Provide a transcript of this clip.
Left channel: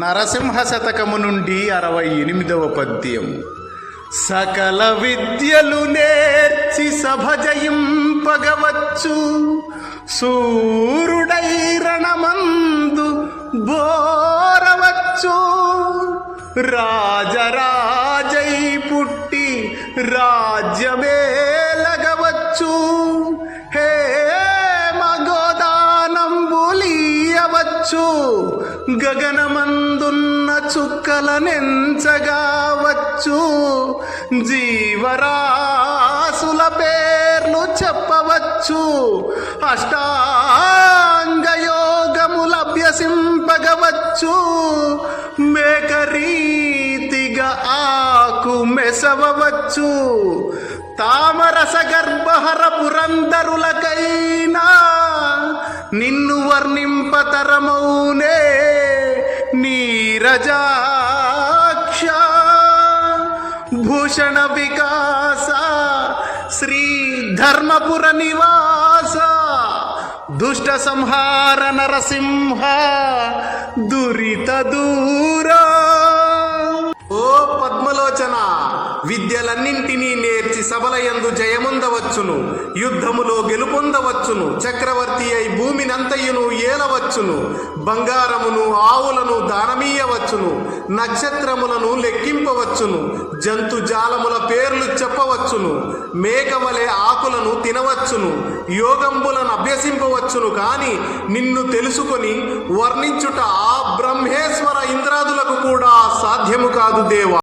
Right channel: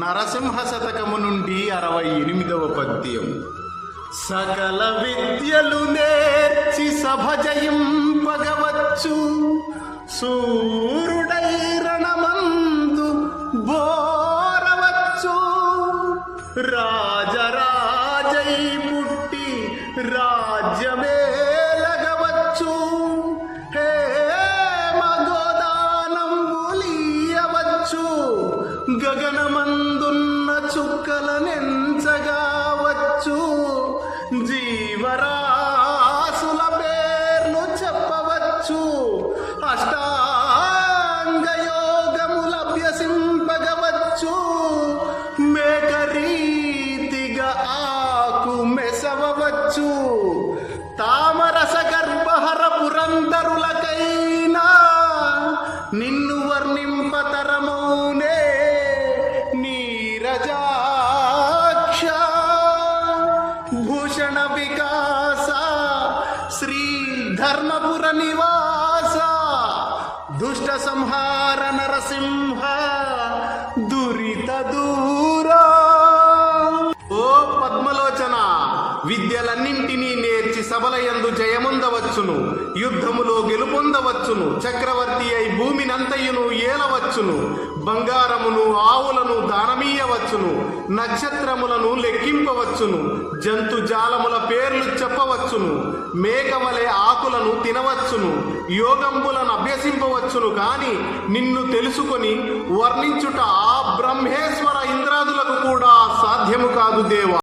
నరసింహ శతకము నుండి 68వ పద్యం. సకల విద్యలు నేర్చి సభ జయింపగవచ్చు, సూరుడై రణమందు బోరవచ్చు. రాజరాజై పుట్టి రాజ్యమేలగవచ్చు, హే మగోదానంబులీయవచ్చు. గగనమందున్న చుక్కలనెంచగావచ్చు, జీవరాశుల పేర్లు చెప్పవచ్చు. అష్టాంగయోగములభ్యసింపగవచ్చు, మేకరీతిగా ఆకు మెసవవచ్చు. తామరస గర్భహర పురంధరులకైనా నిన్ను వర్ణింపతరమౌనే నీరజాక్ష. భూషణ వికాస శ్రీ ధర్మపుర నివాస, దుష్ట సంహార నరసింహ దురిత దూరా. ఓ పద్మలోచన, విద్యలన్నింటినీ నేర్చి సబలయందు జయముందవచ్చును, యుద్ధములో గెలుపొందవచ్చును. చక్రవర్తి అయి భూమినంతయును ఏలవచ్చును, బంగారమును ఆవులను దానమీయవచ్చును, నక్షత్రములను లెక్కింపవచ్చును, జంతుజాలముల పేర్లు చెప్పవచ్చును, మేకవలె ఆకులను తినవచ్చును, యోగంబులను అభ్యసింపవచ్చును. కాని నిన్ను తెలుసుకొని వర్ణించుట ఆ బ్రహ్మేశ్వర ఇంద్రాదులకు కూడా సాధ్యము కాదు దేవా.